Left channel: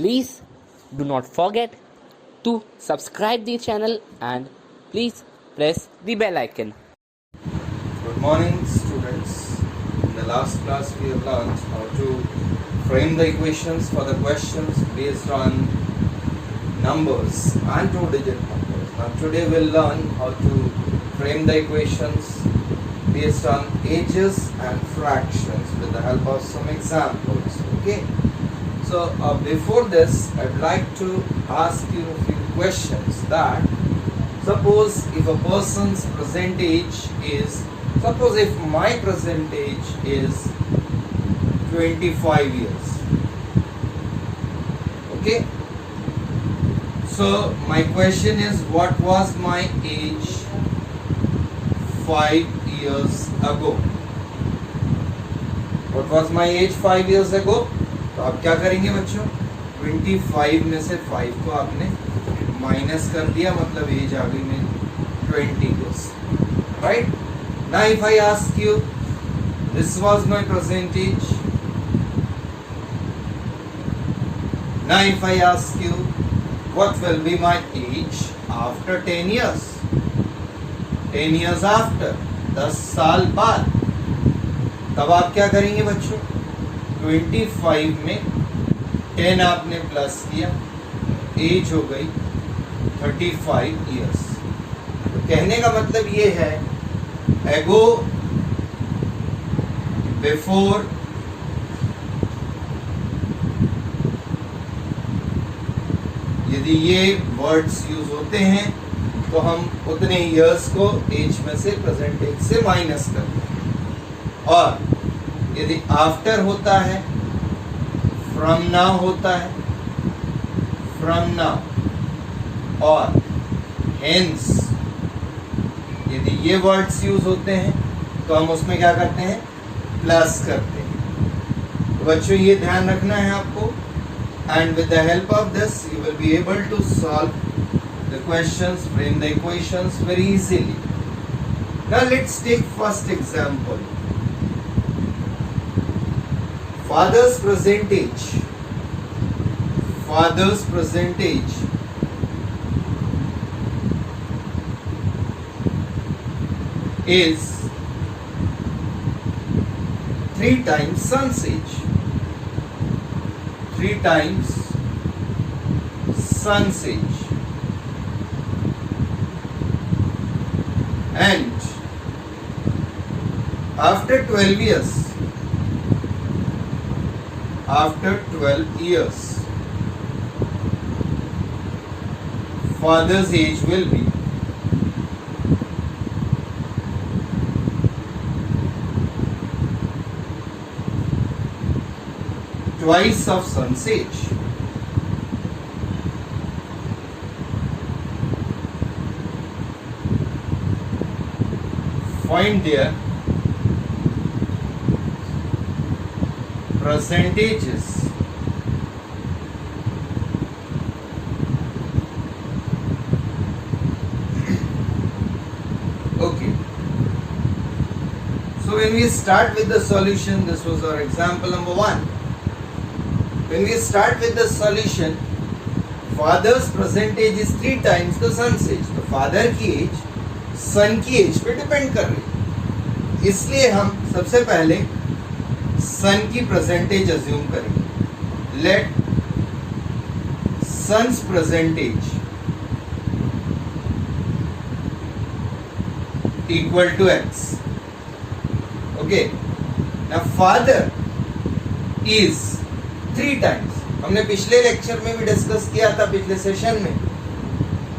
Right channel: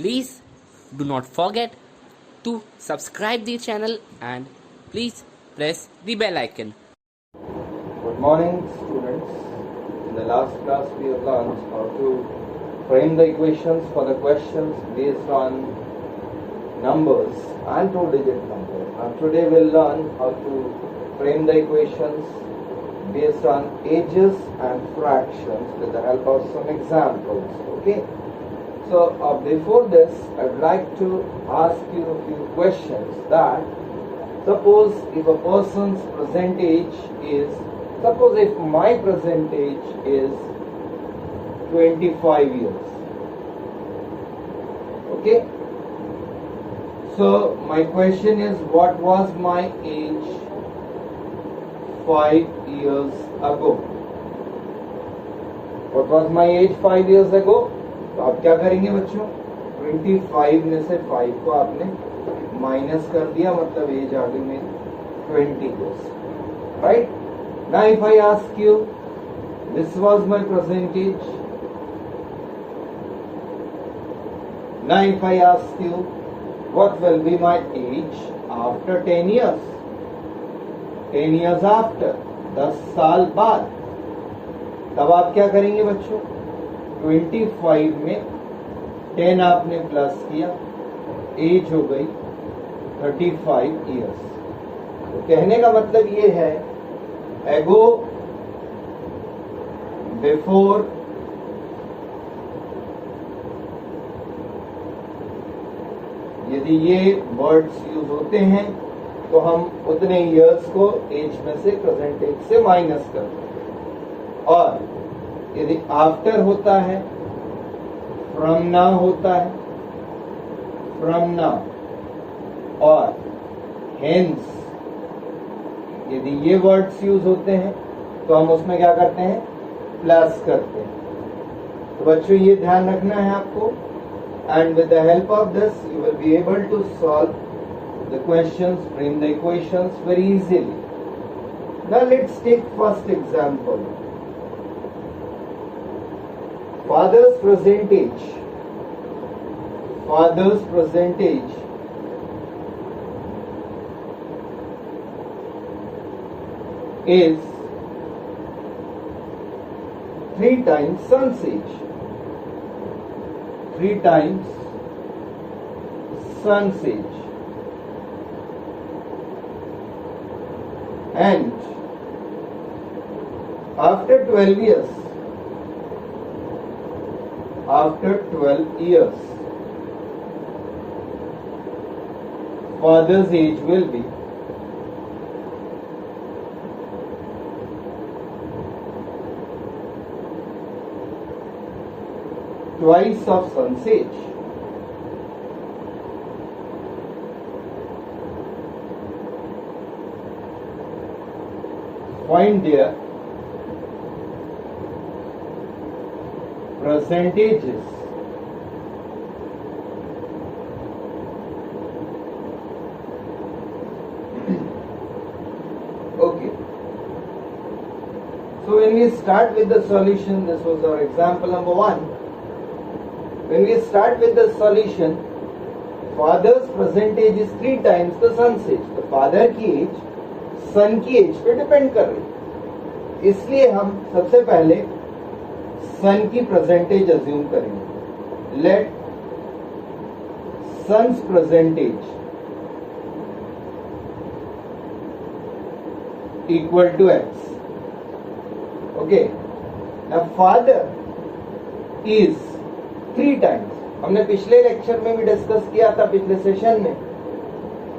Please do not forget to subscribe the channel and please press the bell icon. Good morning, students. In the last class we have learned how to frame the equations for the questions based on numbers and two-digit numbers. And today we'll learn how to frame the equations based on ages and fractions with the help of some examples. Okay. So before this, I'd like to ask you a few questions. That suppose if a person's present age is, suppose if my present age is 25 years. Okay. So my question is, what was my age 5 years ago? What was my age 5 years ago? तो आप क्या करेंगे बच्चों? 25 में से 5 को आपने minus कर दिया, मतलब एज आ गई मेरी 20 years, right? Now if I ask you, this was my present age. Now if I ask you, what will be my age after 10 years? 10 years after, 10 साल बाद, तब आप क्या करेंगे बच्चों? 25 में 10 आपने प्लस किया, एज हो गई 35 years. तो कहने का मतलब ये है, एगो बिफोर यदि ये वर्ड्स यूज होते हैं तो हम उतने इयर्स को एज में से प्रेजेंट एज से माइनस करते हैं, और यदि आफ्टर होता है, फ्रॉम नाउ होता है, फ्रॉम नाउ, और हेंस यदि ये वर्ड्स यूज होते हैं तो हम उसमें क्या करते हैं? प्लस करते हैं. तो बच्चों ये ध्यान रखना है आपको, and with the help of this you will be able to solve the questions, frame the equations very easily. Now let's take first example. Father's present age. Father's present age is 3 times son's age. 3 times son's age. And after 12 years, after 12 years, father's age will be twice of son's age. Find their percentages. Okay. So when we start with the solution, this was our example number 1. When we start with the solution, father's present age is 3 times the son's age. तो father की age son की age पे depend कर रही है, इसलिए हम सबसे पहले सन की परसेंटेज अज्यूम करेंगे. Let son's percentage equal to X. Okay. Now father is 3 times. हमने पिछले लेक्चर में भी डिस्कस किया था, पिछले सेशन में,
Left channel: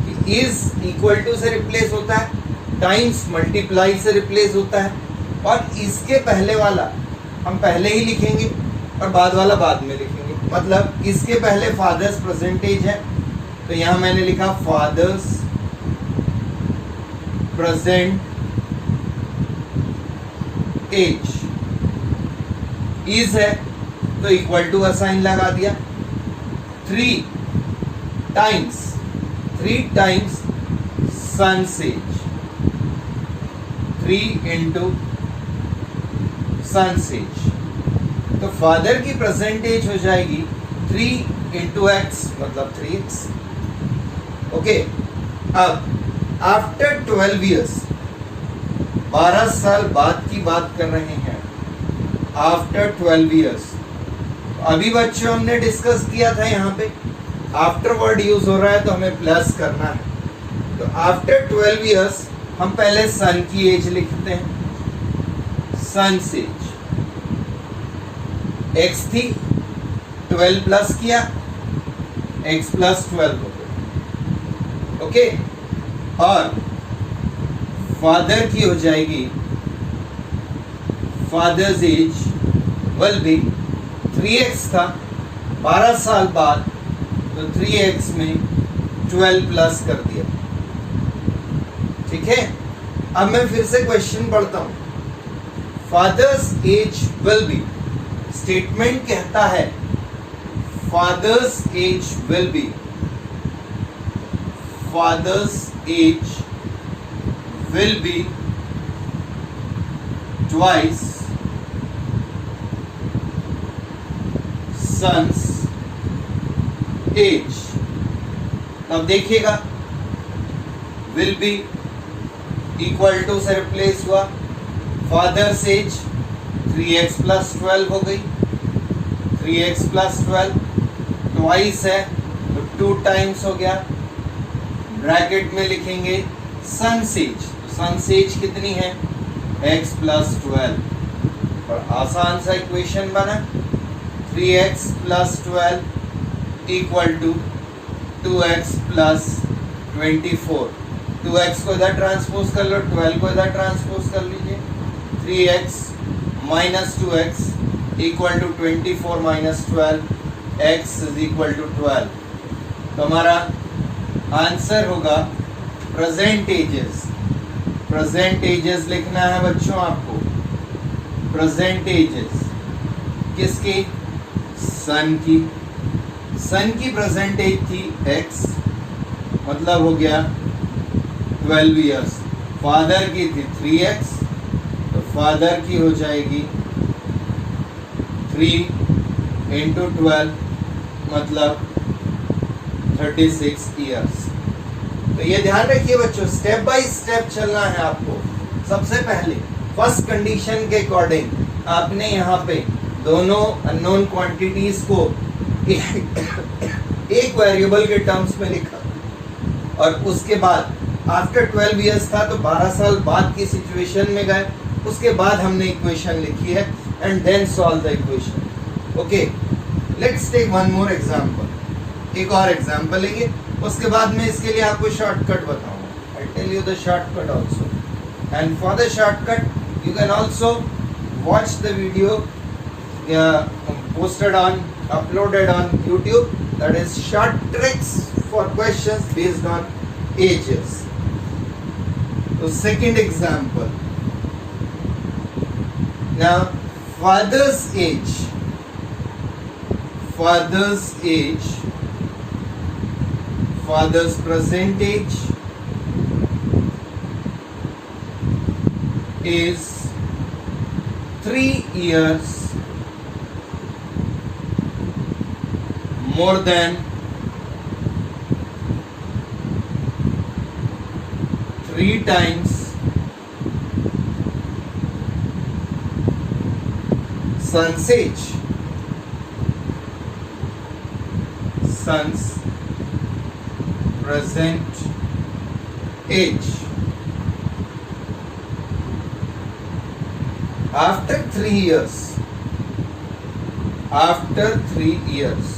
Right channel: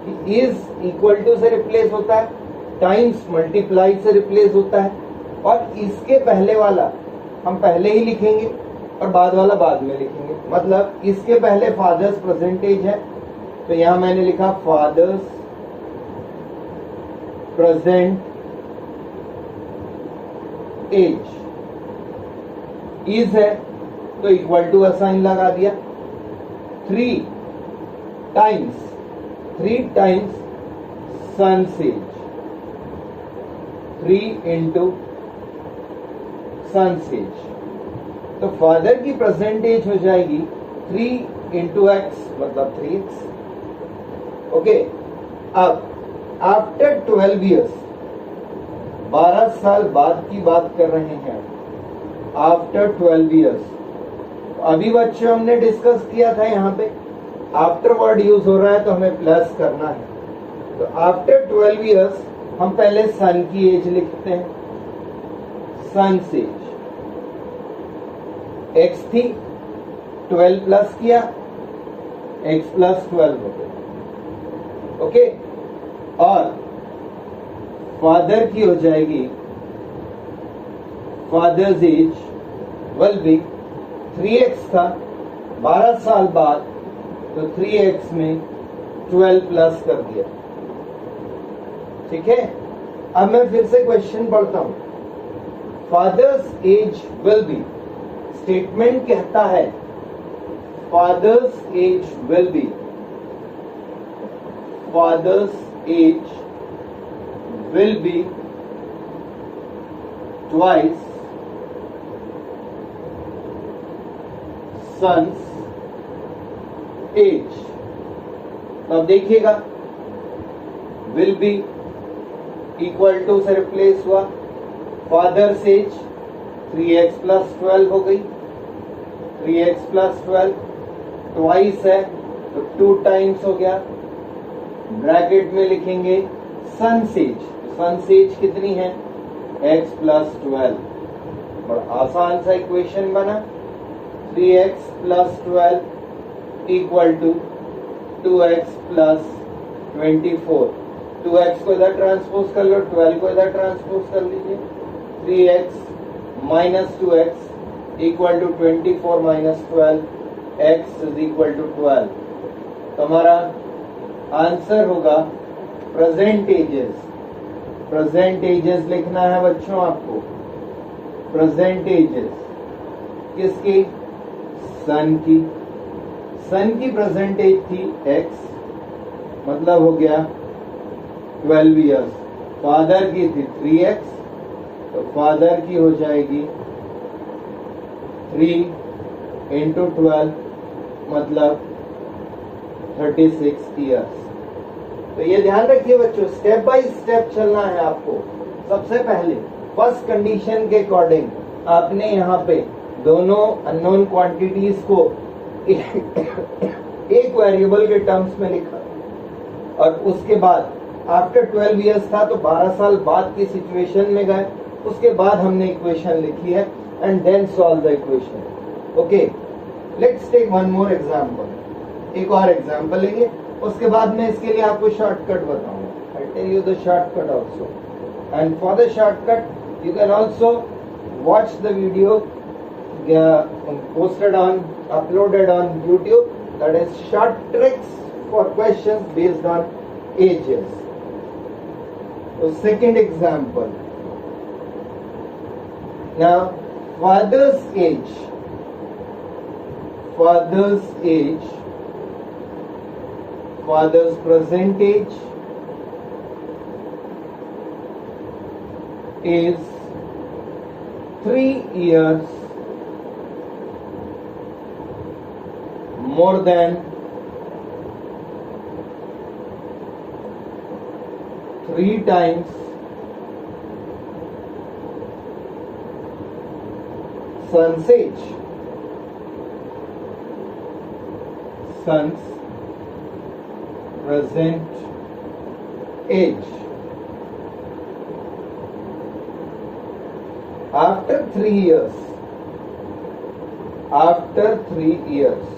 कि इज इक्वल टू से रिप्लेस होता है, टाइम्स मल्टीप्लाई से रिप्लेस होता है, और इसके पहले वाला हम पहले ही लिखेंगे और बाद वाला बाद में लिखेंगे. मतलब इसके पहले फादर्स प्रेजेंटेज है, तो यहां मैंने लिखा फादर्स प्रेजेंट एज. इज है तो इक्वल टू का साइन लगा दिया. 3 times son's age. 3 into son's age. तो फादर की प्रेजेंट एज हो जाएगी 3 इंटू एक्स मतलब 3x। ओके, अब आफ्टर 12 ईयर्स, 12 साल बाद की बात कर रहे हैं, आफ्टर 12 ईयर्स। अभी बच्चों हमने डिस्कस किया था यहाँ पे आफ्टर वर्ड यूज हो रहा है तो हमें प्लस करना है। तो आफ्टर 12 ईयर्स हम पहले सन की एज लिखते हैं, सन्स एज x थी, 12 प्लस किया, x प्लस 12 हो गया। ओके, और फादर की हो जाएगी, fathers age will B 3x था, 12 साल बाद तो 3x में 12 प्लस कर दिया। ठीक है, अब मैं फिर से क्वेश्चन पढ़ता हूं। Father's age will be, statement कहता है father's age will be, father's age will be twice son's age. अब देखिएगा, विल बी इक्वल टू से रिप्लेस हुआ, फादर्स एज 3x प्लस 12 हो गई, 3x प्लस 12 ट्वाइस है तो 2 टाइम्स हो गया। ब्रैकेट में लिखेंगे सन्स एज, तो सन्स एज कितनी है, x प्लस 12। और आसान सा इक्वेशन बना, 3x plus 12 equal to 2x plus 24। 2x को इधर ट्रांसपोज कर लो, 12 को इधर ट्रांसपोज कर लीजिए, 3x minus 2x equal to 24 minus 12, x is equal to 12। तो हमारा आंसर होगा प्रेजेंट एजेस। प्रेजेंट एजेस लिखना है बच्चों आपको, प्रेजेंट एजेस किसकी, सन की। सन की प्रेजेंट एज थी x, मतलब हो गया 12 इयर्स। फादर की थी 3x, तो फादर की हो जाएगी 3 इंटू 12 मतलब 36 इयर्स। तो ये ध्यान रखिए बच्चों, स्टेप बाय स्टेप चलना है आपको। सबसे पहले फर्स्ट कंडीशन के अकॉर्डिंग आपने यहाँ पे दोनों अननोन क्वांटिटीज को एक वेरिएबल के टर्म्स में लिखा, और उसके बाद आफ्टर 12 इयर्स था तो 12 साल बाद की सिचुएशन में गए, उसके बाद हमने इक्वेशन लिखी है and then solve the equation. Okay, let's take one more example. एक और एग्जांपल लेंगे, उसके बाद मैं इसके लिए आपको शॉर्टकट बताऊंगा। I tell you the shortcut also, and for the shortcut you can also watch the video posted on, uploaded on YouTube, that is short tricks for questions based on ages. So second example, now father's age, father's age, father's present age is 3 years more than 3 times son's age. Son's present age. After 3 years, after 3 years,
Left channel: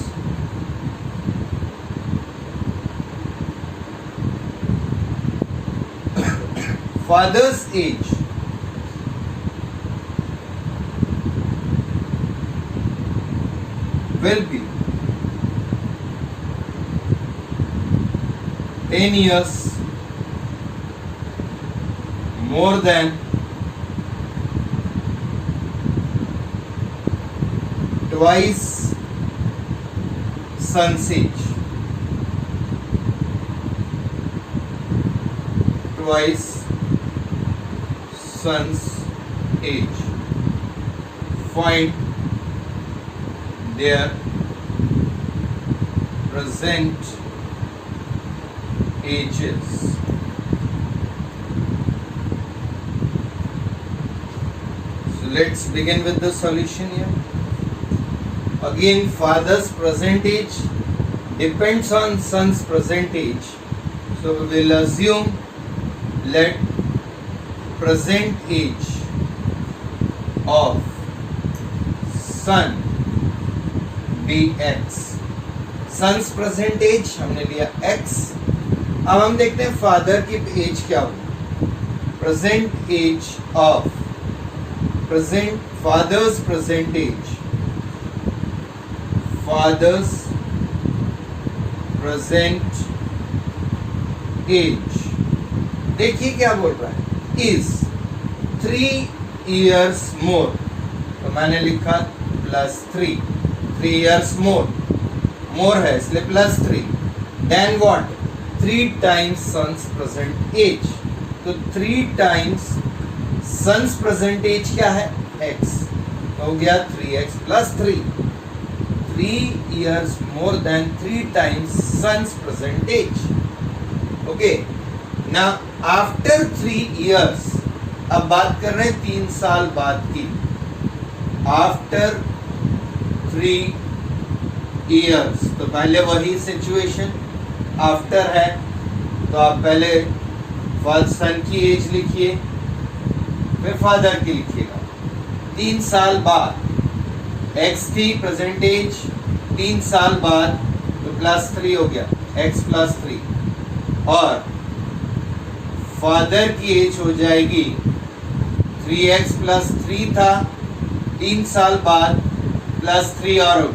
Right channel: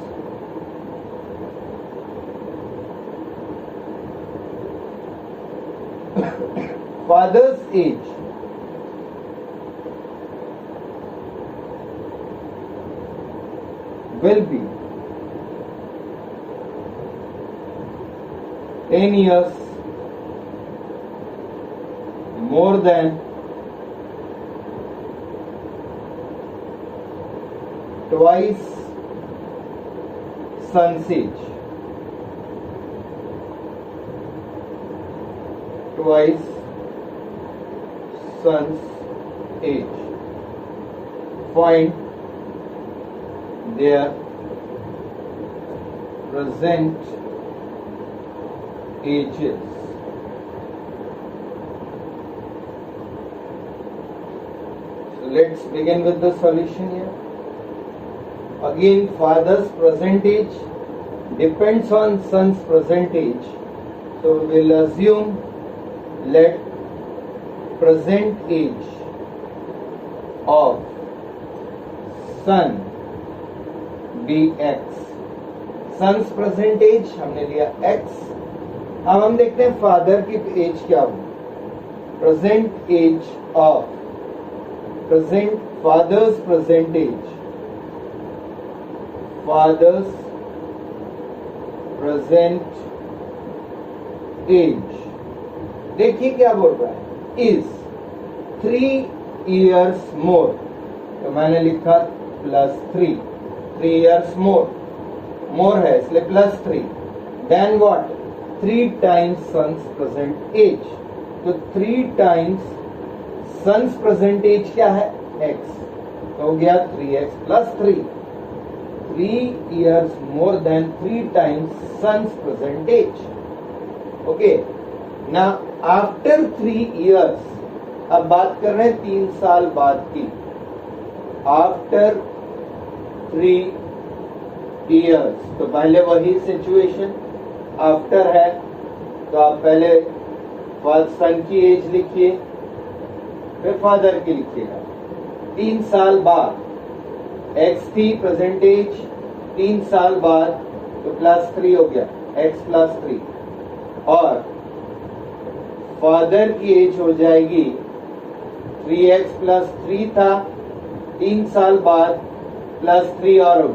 father's age will be 10 years more than twice son's age. Twice son's age. Find their present ages. So let's begin with the solution here. Again, father's present age depends on son's present age. So we will assume, let present age of son be x. Son's present age हमने लिया x. अब हम देखते हैं father की age क्या होगी. Present age of father's present age, father's present age, देखिए क्या बोल रहा है, इज 3 years मोर. तो मैंने लिखा +3, 3 years मोर है इसलिए +3. Then what, 3 times son's present age. तो 3 times सन्स प्रेजेंट एज क्या है, x. तो हो गया 3x + 3. 3 years more than 3 times son's present age. Okay. Now after 3 years, अब बात कर रहे हैं 3 साल बाद की. After 3 years, तो पहले वही सिचुएशन, आफ्टर है तो आप पहले सन की एज लिखिए, फिर फादर की लिखिएगा. 3 साल बाद x थी प्रेजेंट एज, 3 साल बाद तो +3 हो गया, x + 3. और फादर की एज हो जाएगी 3x + 3 था, 3 साल बाद +3 और हो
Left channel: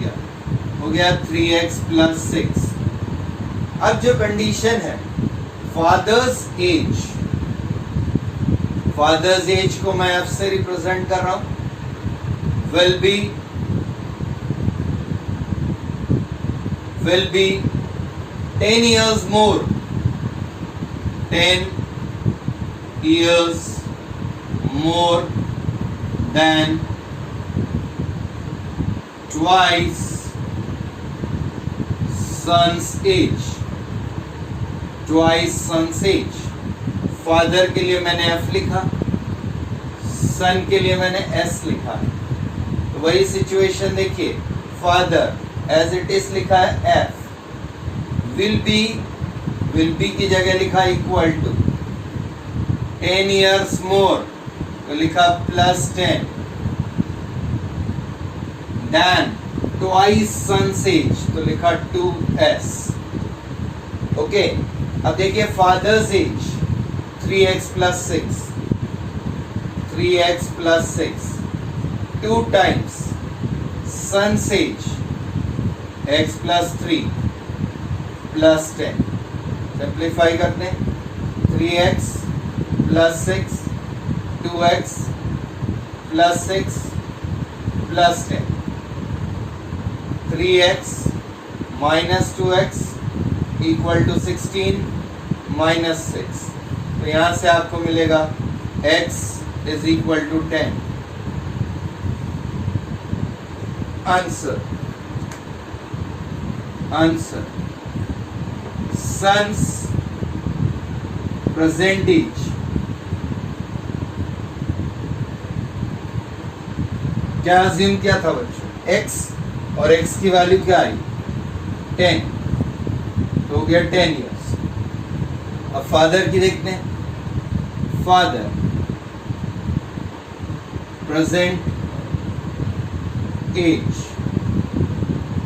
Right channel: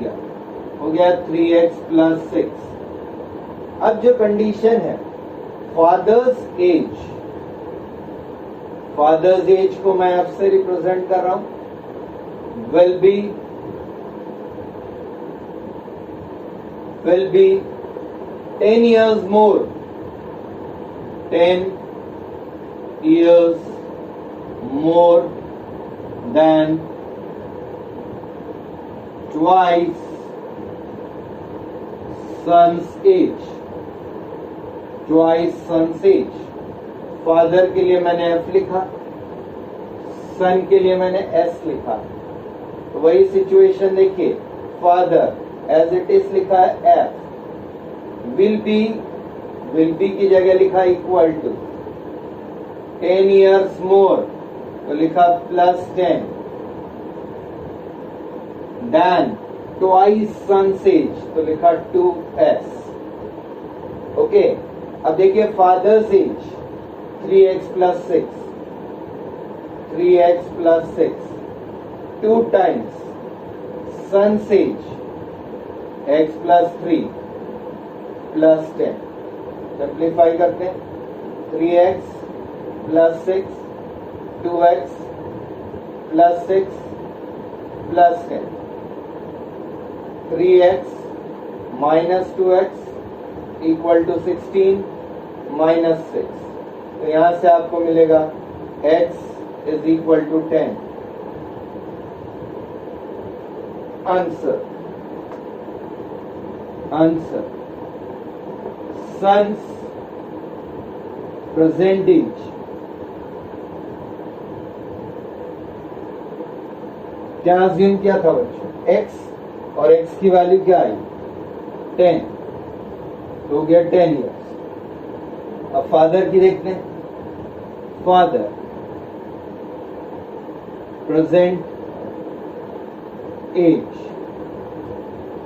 गया 3x + 6. अब जो कंडीशन है फादर्स एज को मैं f से रिप्रेजेंट कर रहा हूं, will be 10 years more, 10 years more than twice son's age. Father के लिए मैंने f लिखा, सन के लिए मैंने s लिखा. तो वही सिचुएशन देखिए, फादर एज इट इज लिखा है f, विल बी की जगह लिखा इक्वल टू 10 years more, तो लिखा +10, देन ट्वाइस सन्स एज, तो लिखा 2s. ओके. अब देखिए father's age 3x + 6, 3x + 6, 2 times son's age x + 3 + 10. Simplify करते हैं, 3x + 6, 2x + 6 + 10, 3x - 2x = 16 - 6. तो यहां से आपको मिलेगा x = 10. Answer son's present age क्या अज्यूम किया था बच्चों, x, और x की वैल्यू क्या आई, 10, तो हो गया 10 years. अब फादर की देखते हैं, father present age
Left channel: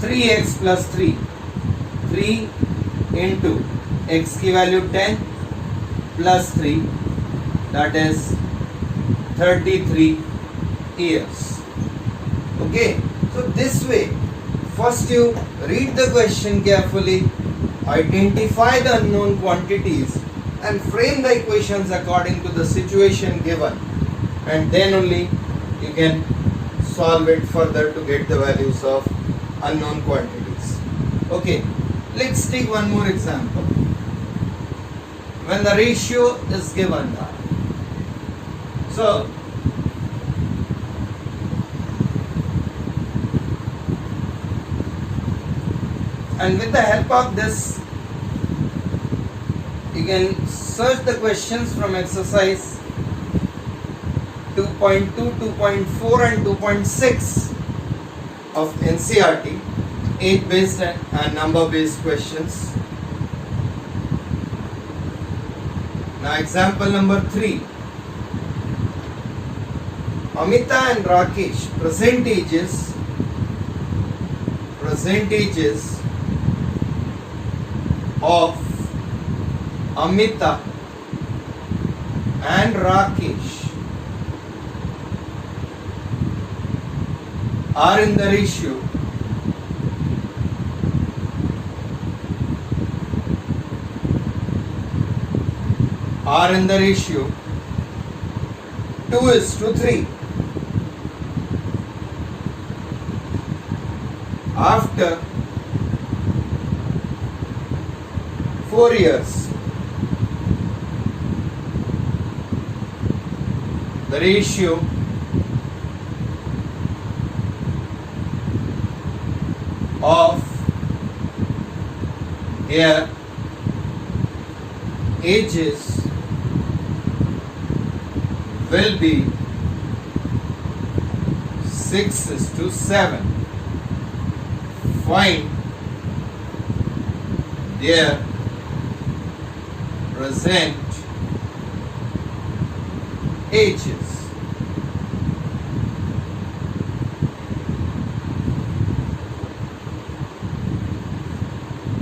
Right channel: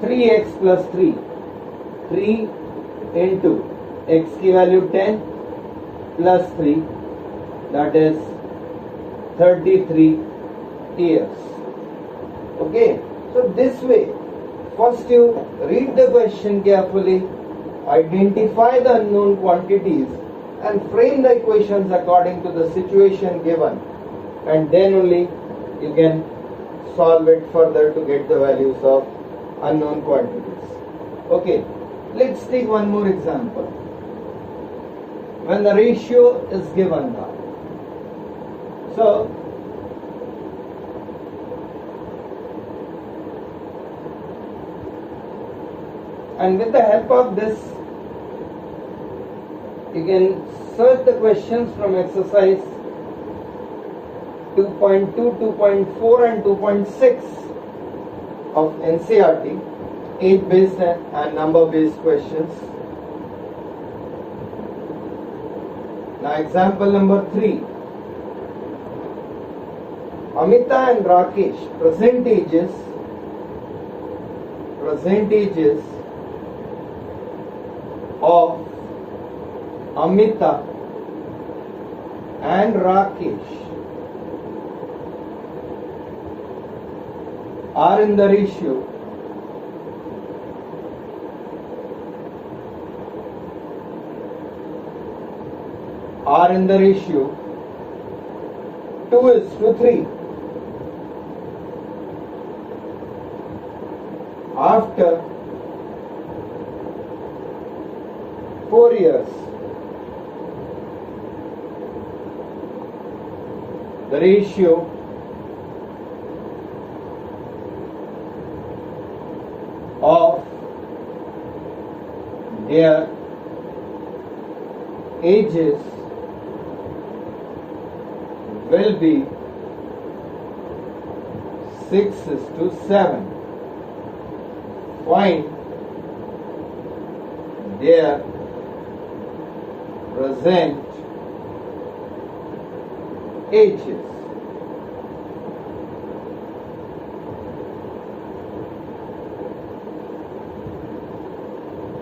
3x + 3, 3 into x की value 10 + 3, that is 33 years. Okay, so this way, first you read the question carefully, identify the unknown quantities and frame the equations according to the situation given, and then only you can solve it further to get the values of unknown quantities. Okay, let's take one more example. When the ratio is given now, so and with the help of this you can search the questions from exercise 2.2, 2.4 and 2.6 of NCERT, age based and number based questions. Now example number 3. Amita and Rakesh, present ages of Amita and Rakesh are in the ratio are in the ratio 2:3. After 4 years, the ratio of their ages will be 6:7. Find their present ages.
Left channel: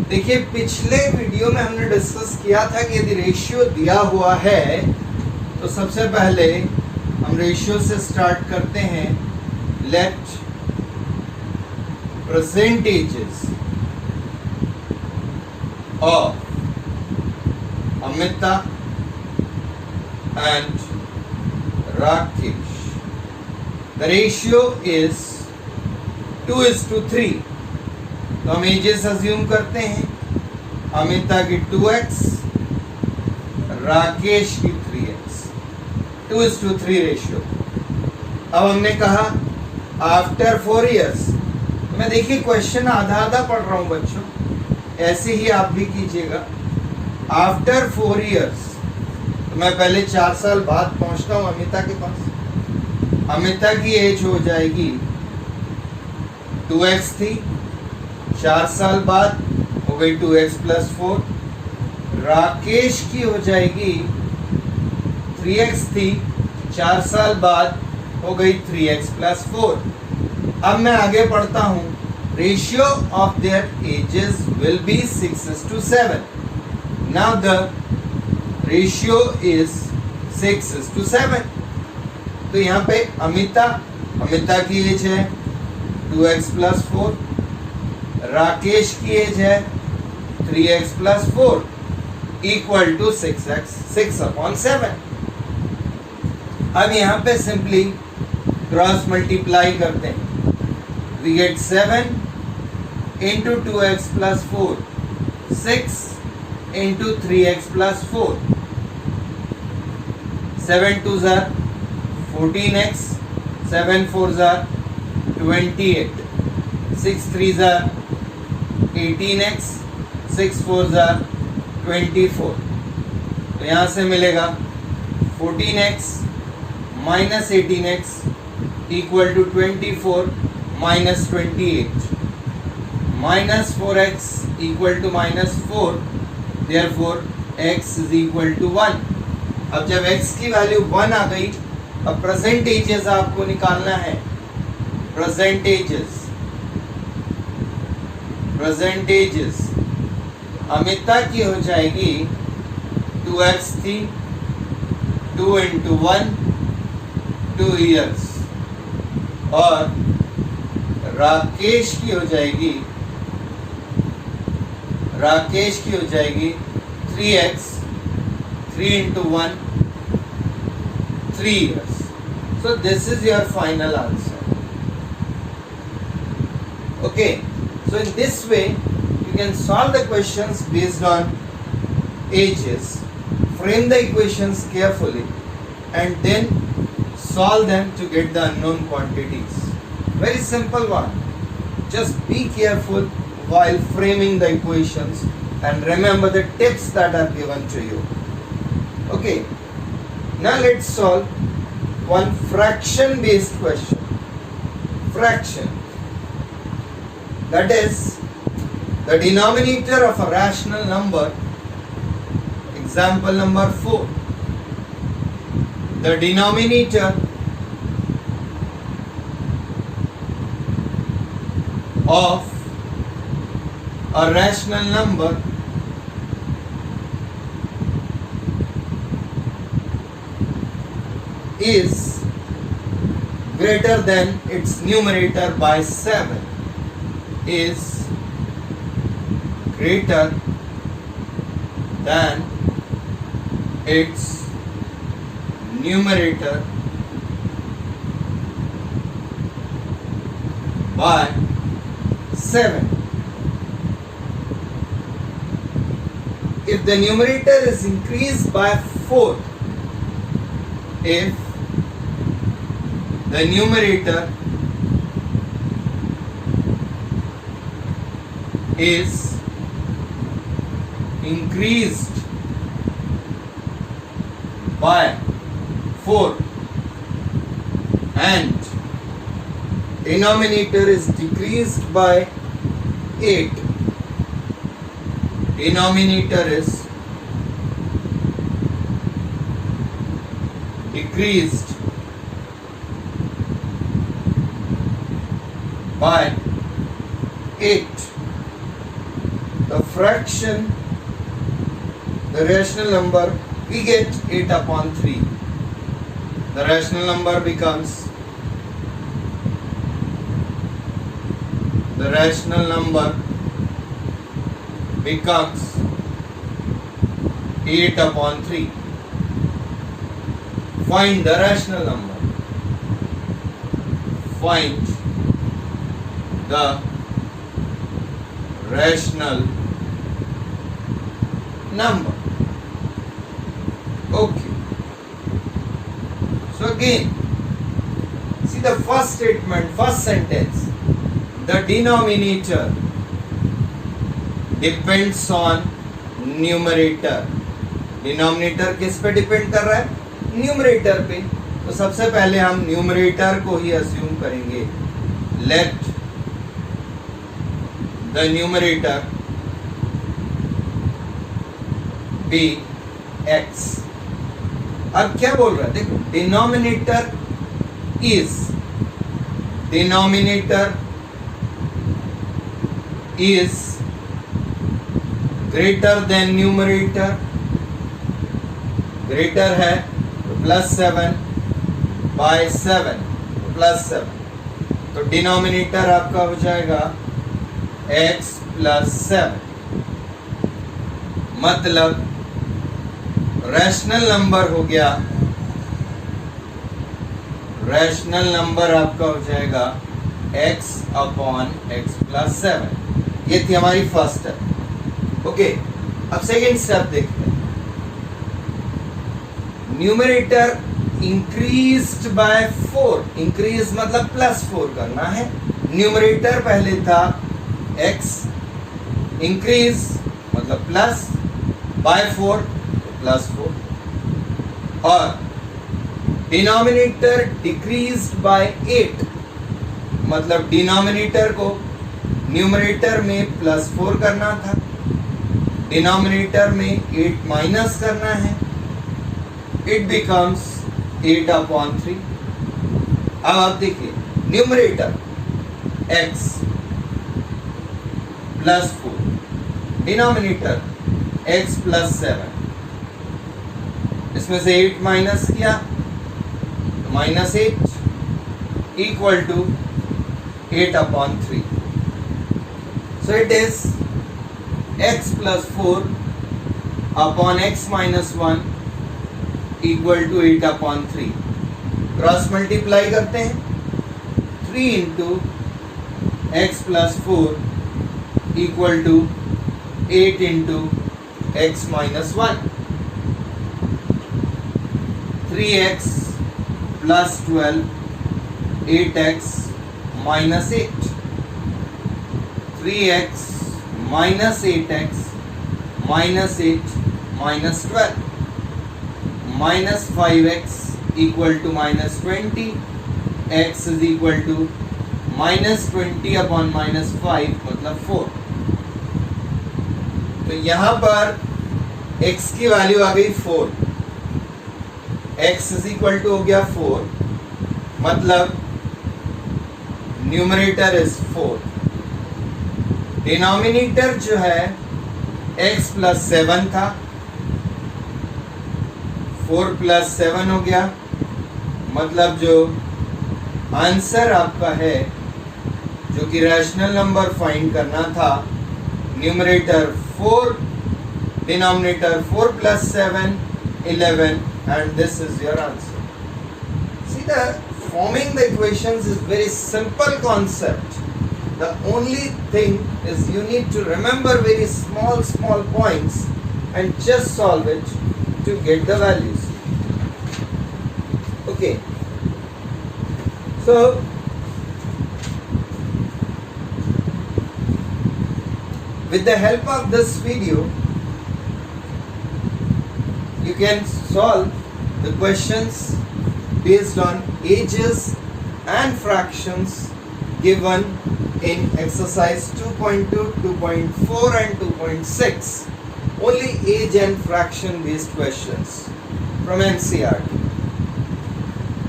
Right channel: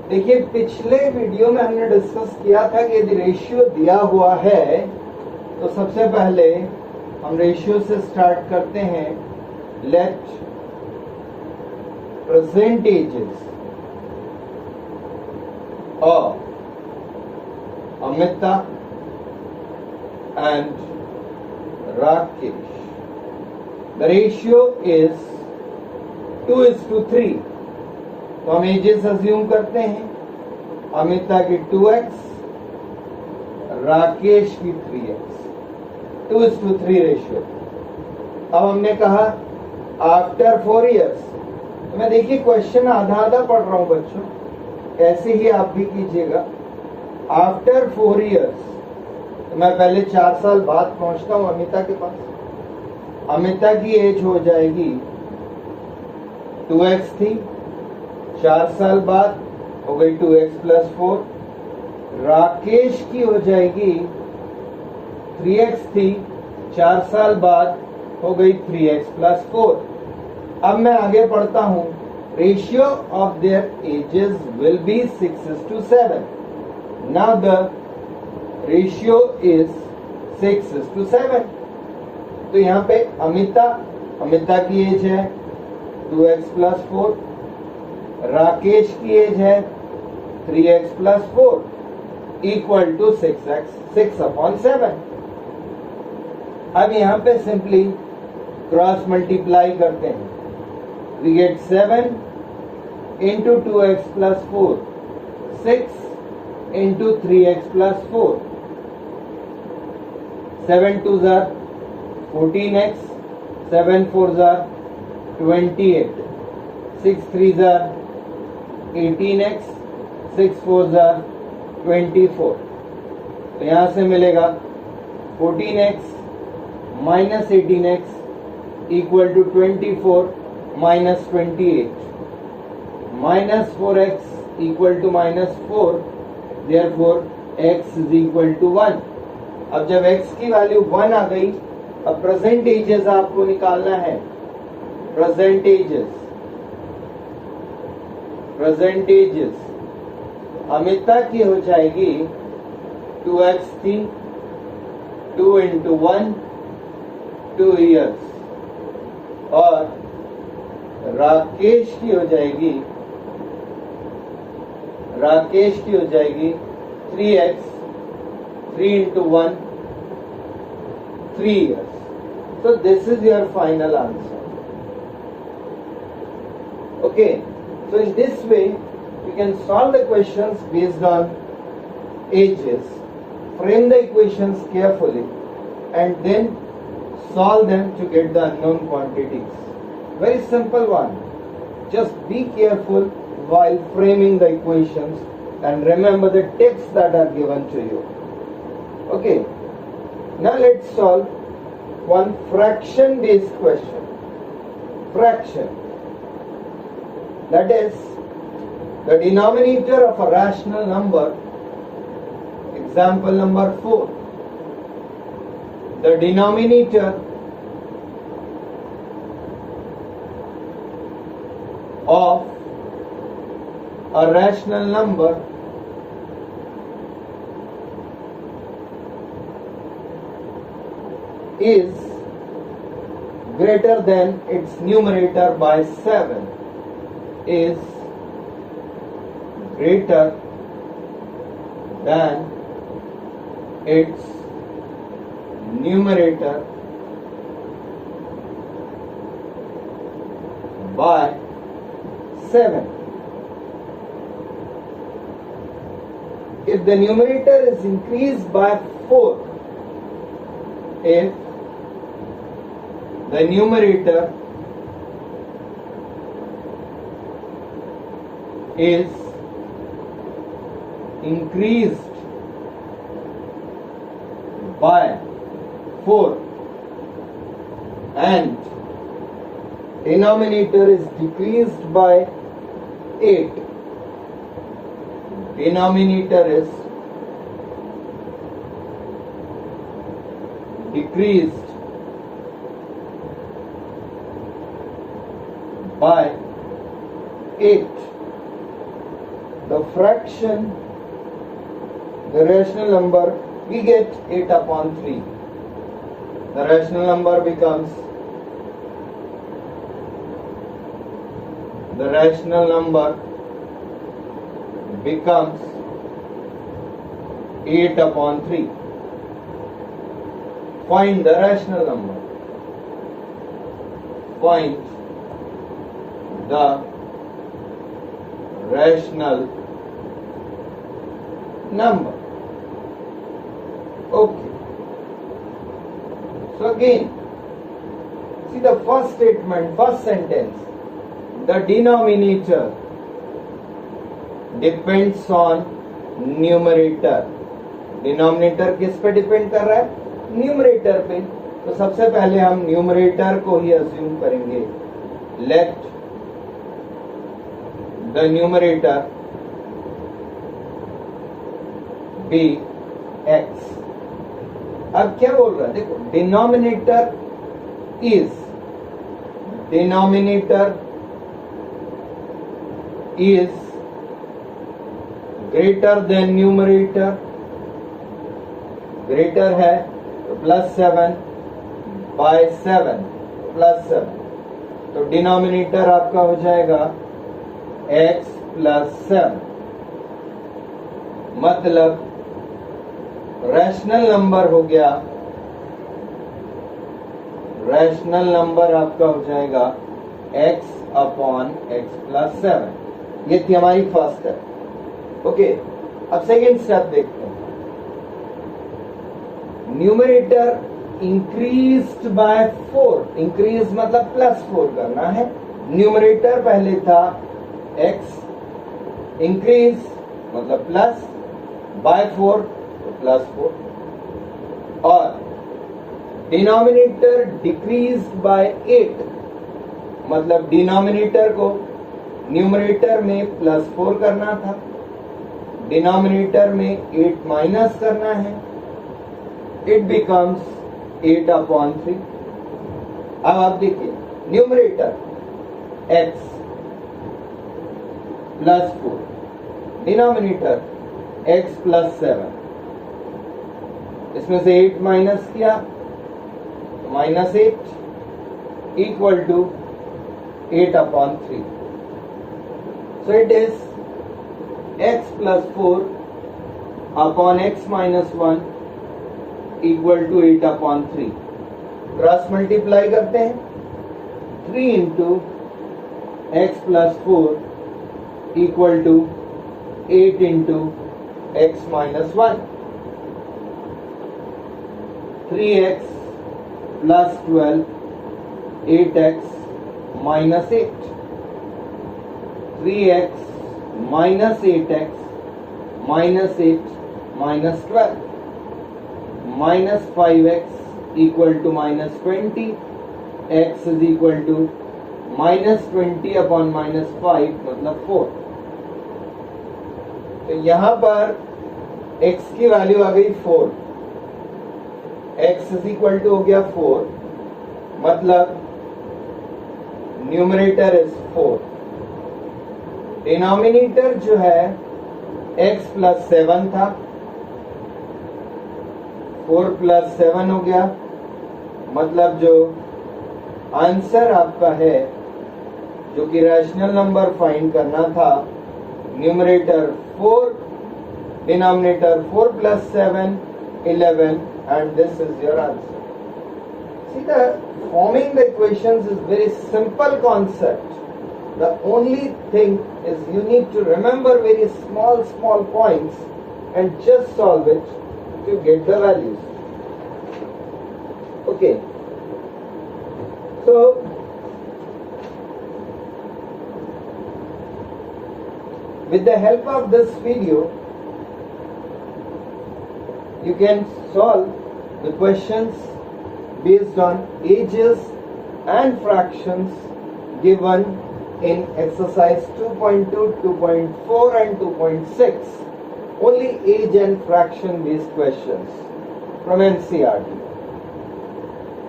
देखिए, पिछले video में हमने discuss किया था कि यदि ratio दिया हुआ है तो सबसे पहले हम रेशियो से स्टार्ट करते हैं. Let present ages of Amita and Rakesh. The ratio is 2:3. तो हम एजेस अज्यूम करते हैं. अमिता की 2x, राकेश की 3x. 2:3 रेशियो. अब हमने कहा आफ्टर 4 इयर्स. मैं देखिए क्वेश्चन आधा आधा पढ़ रहा हूं बच्चों, ऐसे ही आप भी कीजिएगा. आफ्टर 4 इयर्स, तो मैं पहले 4 साल बाद पहुंचता हूं अमिता के पास. अमिता की एज हो जाएगी 2x थी, 4 साल बाद हो गई 2x + 4. राकेश की हो जाएगी 3x थी, 4 साल बाद हो गई 3x + 4. अब मैं आगे पढ़ता हूं. Ratio of their edges will be 6:7. Now the ratio is 6:7. तो यहाँ पे अमिता की एज है 2x + 4. राकेश की एज है 3x + 4 इक्वल टू 6/7. अब यहाँ पे सिंपली क्रॉस मल्टीप्लाई करते हैं. We get 7 into 2x + 4, 6 into 3x + 4. 7 2s are 14x, 7 4s are 28, 6 3s are 18x, 6 4s are 24. तो यहाँ से मिलेगा 14x minus 18x equal to 24 minus 28. Minus 4x equal to minus 4. Therefore x is equal to 1. अब जब x की value 1 आ गई, अब present ages आपको निकालना है. प्रेजेंट एजेस अमिता की हो जाएगी 2x थी, 2 into 1 2 years. और राकेश की हो जाएगी 3x, 3 into 1 3 years. So this is your final answer. Okay, so in this way you can solve the questions based on ages, frame the equations carefully and then solve them to get the unknown quantities. Very simple one. Just be careful while framing the equations and remember the tips that are given to you. Okay, now let's solve one fraction based question. Fraction, that is the denominator of a rational number. Example number 4. The denominator of a rational number is greater than its numerator by 7. Is greater than its numerator by 7. If the numerator is increased by 4, if the numerator is increased by 4 and denominator is decreased by 8, denominator is decreased by 8, the fraction, the rational number, we get 8 upon 3. The rational number becomes, the rational number becomes 8 upon 3. Find the rational number. Find the rational number. Okay. So again, see the first statement, first sentence. The denominator depends on numerator. Denominator किस पे depend कर रहा है? Numerator पे. तो सबसे पहले हम न्यूमरेटर को ही अज्यूम करेंगे. Let the numerator be x. अब क्या बोल रहा है? देखो, denominator is greater than numerator. Greater है +7 बाय 7 +7, तो डिनोमिनेटर आपका हो जाएगा x +7. मतलब रैशनल नंबर हो गया, रैशनल नंबर आपका हो जाएगा x अपॉन x +7. ये थी हमारी फर्स्ट स्टेप. ओके, अब सेकेंड स्टेप देखते हैं. Numerator increased by 4. इंक्रीज मतलब +4 करना है. न्यूमरेटर पहले था x, इंक्रीज मतलब प्लस, बाय 4 +4, और डिनोमिनेटर डिक्रीज्ड बाय 8, मतलब डिनोमिनेटर को न्यूमरेटर में +4 करना था, डिनोमिनेटर में 8 माइनस करना है. It becomes 8 upon 3. अब आप देखिए, न्यूमरेटर x +4, डिनोमिनेटर x +7. इसमें से 8 माइनस किया तो -8 equal to 8 upon 3. So it is x +4 upon x -1 equal to 8 upon 3. Cross multiply करते हैं. 3 into x +4 equal to 8 into x -1. 3x +12, 8x -8. 3x minus 8x minus 8 minus 12 minus 5x equal to minus 20, x is equal to minus 20 upon minus 5 मतलब 4। तो यहां पर x की value आ गई 4, x is equal to हो गया 4, मतलब numerator is 4, denominator जो है x प्लस 7 था, 4 प्लस 7 हो गया, मतलब जो आंसर आपका है जो कि रैशनल नंबर फाइंड करना था, numerator 4, denominator 4 plus 7 11, and this is your answer. See, the forming the equations is very simple concept. The only thing is you need to remember very small points and just solve it to get the values. Okay, so with the help of this video you can solve the questions based on ages and fractions given in exercise 2.2, 2.4 and 2.6. Only age and fraction based questions from NCERT.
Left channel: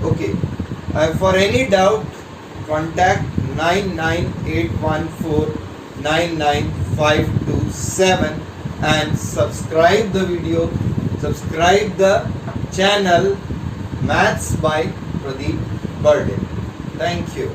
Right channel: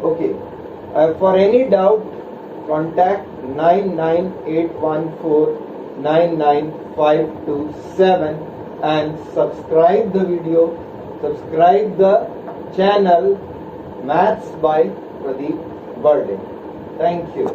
Okay, for any doubt contact 99814 and subscribe the video, subscribe the channel Maths by Pradeep Burden. Thank you.